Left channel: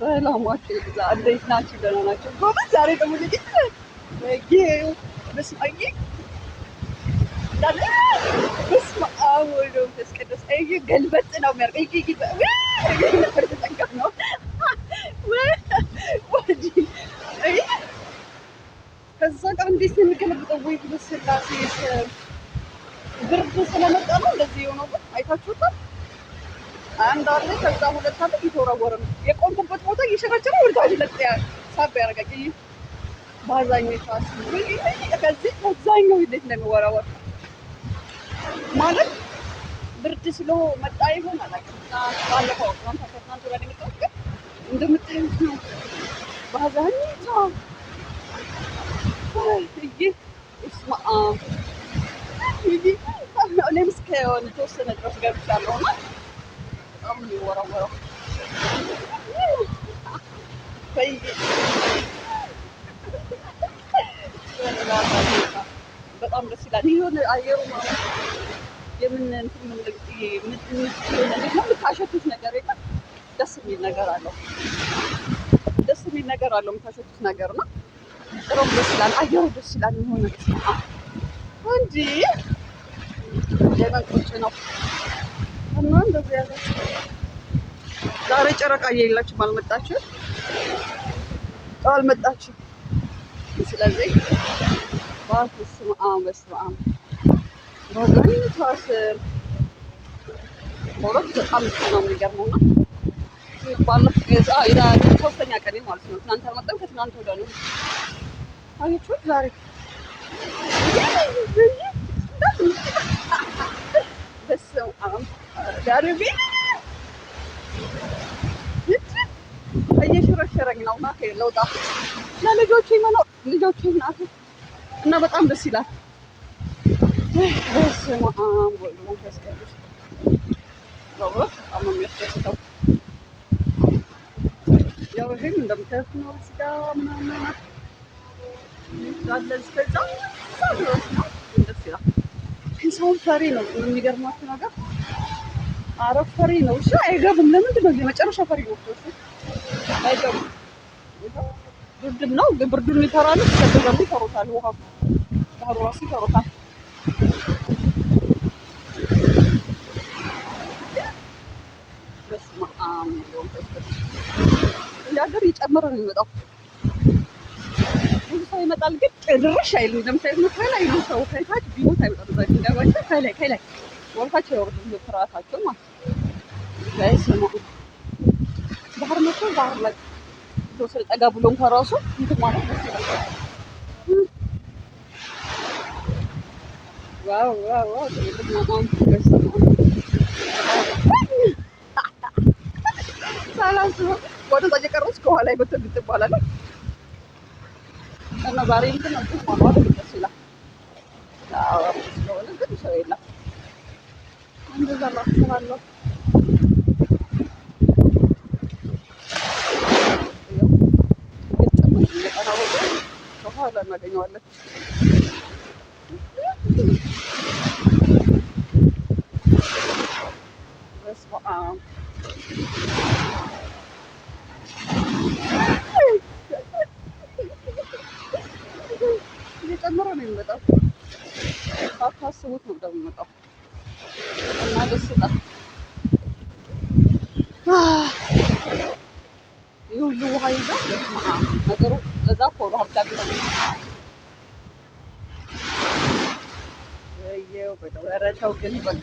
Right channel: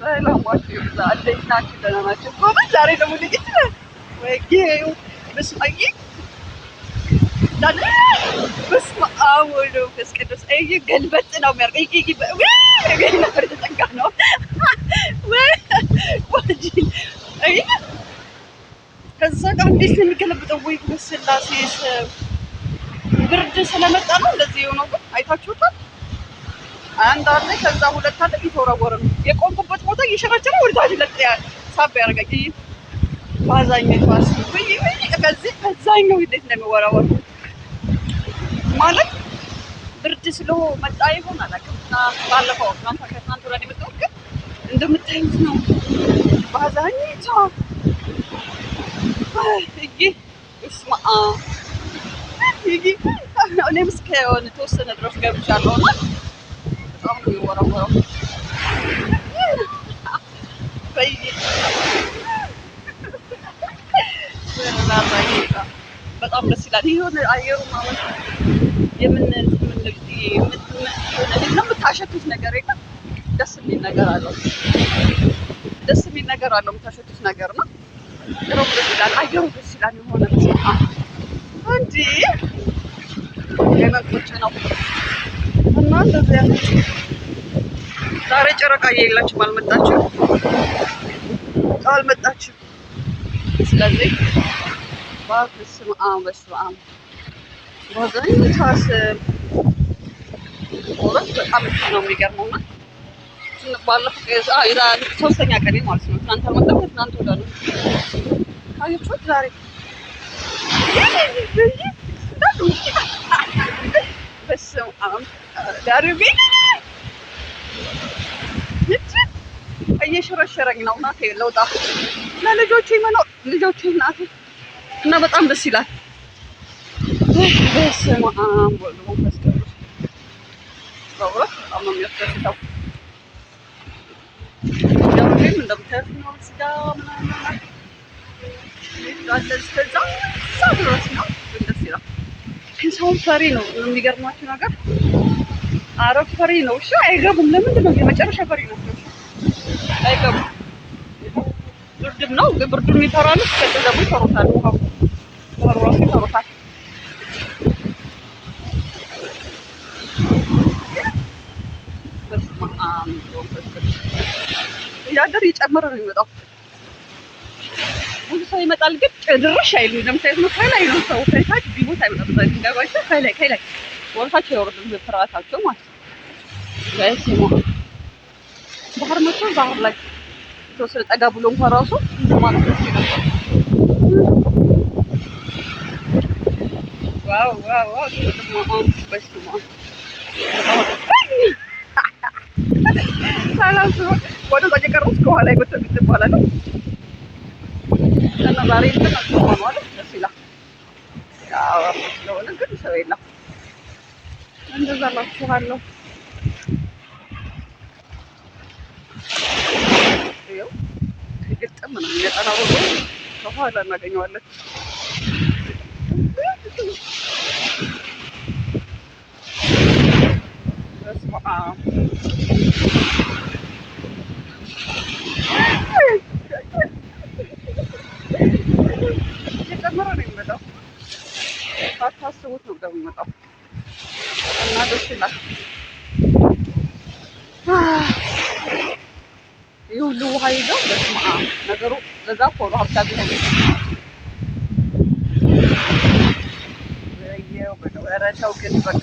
ሰላማችሁ ይብዛ። እንዴት ናችሁ? ደህና ናችሁ? ጎበዝ። ዛሬ ደግሞ ልጅት ወጌው በስመ አብ ዳለ በስመ አብ ወወልድ ወመንፈስ ቅዱስ አይ ገልበጥ ነው የሚያርቀኝ ወይ ነበር ተጠጋ ነው ወይ አይ ከዛ ጋር እንዴት ነው የሚገለብጠው? ወይ በስላሴ ብርድ ስለመጣ ነው እንደዚህ የሆነው። ግን አይታችሁታል። አንድ አለ ከዛ ሁለት አለ እየተወረወረ ነው። የቆምኩበት ቦታ እየሸረቸረ ወርዳጅ ለጥ ሳብ ያረጋግኝ ባዛኝ ቷስ ወይ ከዚህ በዛኛው እንዴት እንደሚወራወር ማለት ብርድ ስለሆነ መጣ ይሆን አላውቅም። ባለፈው ከትናንት ወዲያ የመጣሁት ግን እንደምታዩት ነው። ባዛኝ ቷ ይሄ እስማ ይሄ እኔም እስከ የሆነ ተወሰነ ድረስ ገብቻለሁ እና በጣም ነው የሚወራወረው። በጣም ደስ ይላል። የሆነ አየሩ ማለት የምታሸቱት ነገር የለም። ደስ የሚል ነገር አለው። ደስ የሚል ነገር አለው የምታሸቱት ነገር ነው። ጥሩም ደስ ይላል። አየሩ ደስ ይላል። የሆነ እንጂ የመን ቁጭ ነው እና እንደዚህ ያለች ዛሬ ጨረቃ የላችሁም፣ አልመጣችም። ስለዚህ በስመ አብ በአብዛኛው ሁለት በጣም ነው የሚገርመው እና ሶስተኛ ቀኔ ማለት ነው። ትናንት አልመጣም፣ ትናንት ወዲያ ነው። አያችሁት ዛሬ በስመ አብ ዳርቤ እየሸረሸረኝ ነው። እናቴ ለውጣ ለልጆቼ መኖር ልጆቼ እናቴ እና በጣም ደስ ይላል። በስመ አብ ወወልድ ወመንፈስ ቅዱስ በእውነት በጣም ነው የሚያስደስተው። ደውሌም እንደምታዩት ነው። እዚጋ ምናምን አለ እስከዛ ድረስ ነው። ግን ደስ ይላል። ግን ሰውን ፈሪ ነው የሚገርማችሁ ነገር። አረብ ፈሪ ነው። እሺ አይገቡም። ለምንድን ነው የመጨረሻ ፈሪ ናቸው? እሺ አይገቡም። ብርድም ነው ግን ብርዱን ይፈራሉ። ከዚህ ደግሞ ይፈሩታል። ውሃው ባህሩ ራሱ ይፈሩታል። በስመ አብ ወመንፈስ ቅዱስ እያደር እየጨመረ ነው የሚመጣው። ብዙ ሰው ይመጣል ግን ድርሽ አይልም። እንደምታዩት ነው። ከላይ ነው ሰው ከታች ቢሞት አይመጣም። ድንጋዮች ከላይ ወርታቸው ያወርዱት በፍርሃታቸው ማለት ነው። በስመ አብ ባህር መጥቶ ባህር ላይ ተወሰነ ጠጋ ብሎ እንኳን ራሱ እንትን ማለት ደስ ይላል። ዋው በስመ አብ ሳላስበው ወደዛ እየቀረስኩ ከኋላ ይጎተት ይባላል እና ዛሬ እንትን ነው ማለት ደስ ይላል። ያው ስለሆነ ግን ሰው የለም። እንደዛ ላችኋለሁ። ይኸው ግጥም ነው የሚጠናው ከኋላ እናገኘዋለን። በስመ አብ እየጨመረ ነው የሚመጣው። ሳታስቡት ነው ደግሞ የሚመጣው እና ደስ ይላል። ይህ ሁሉ ውሃ ይዘው በስመ አብ ነገሩ ለዛ ፎሎ ሀብታቢ ነው። ኧረ ተው ግን በቃ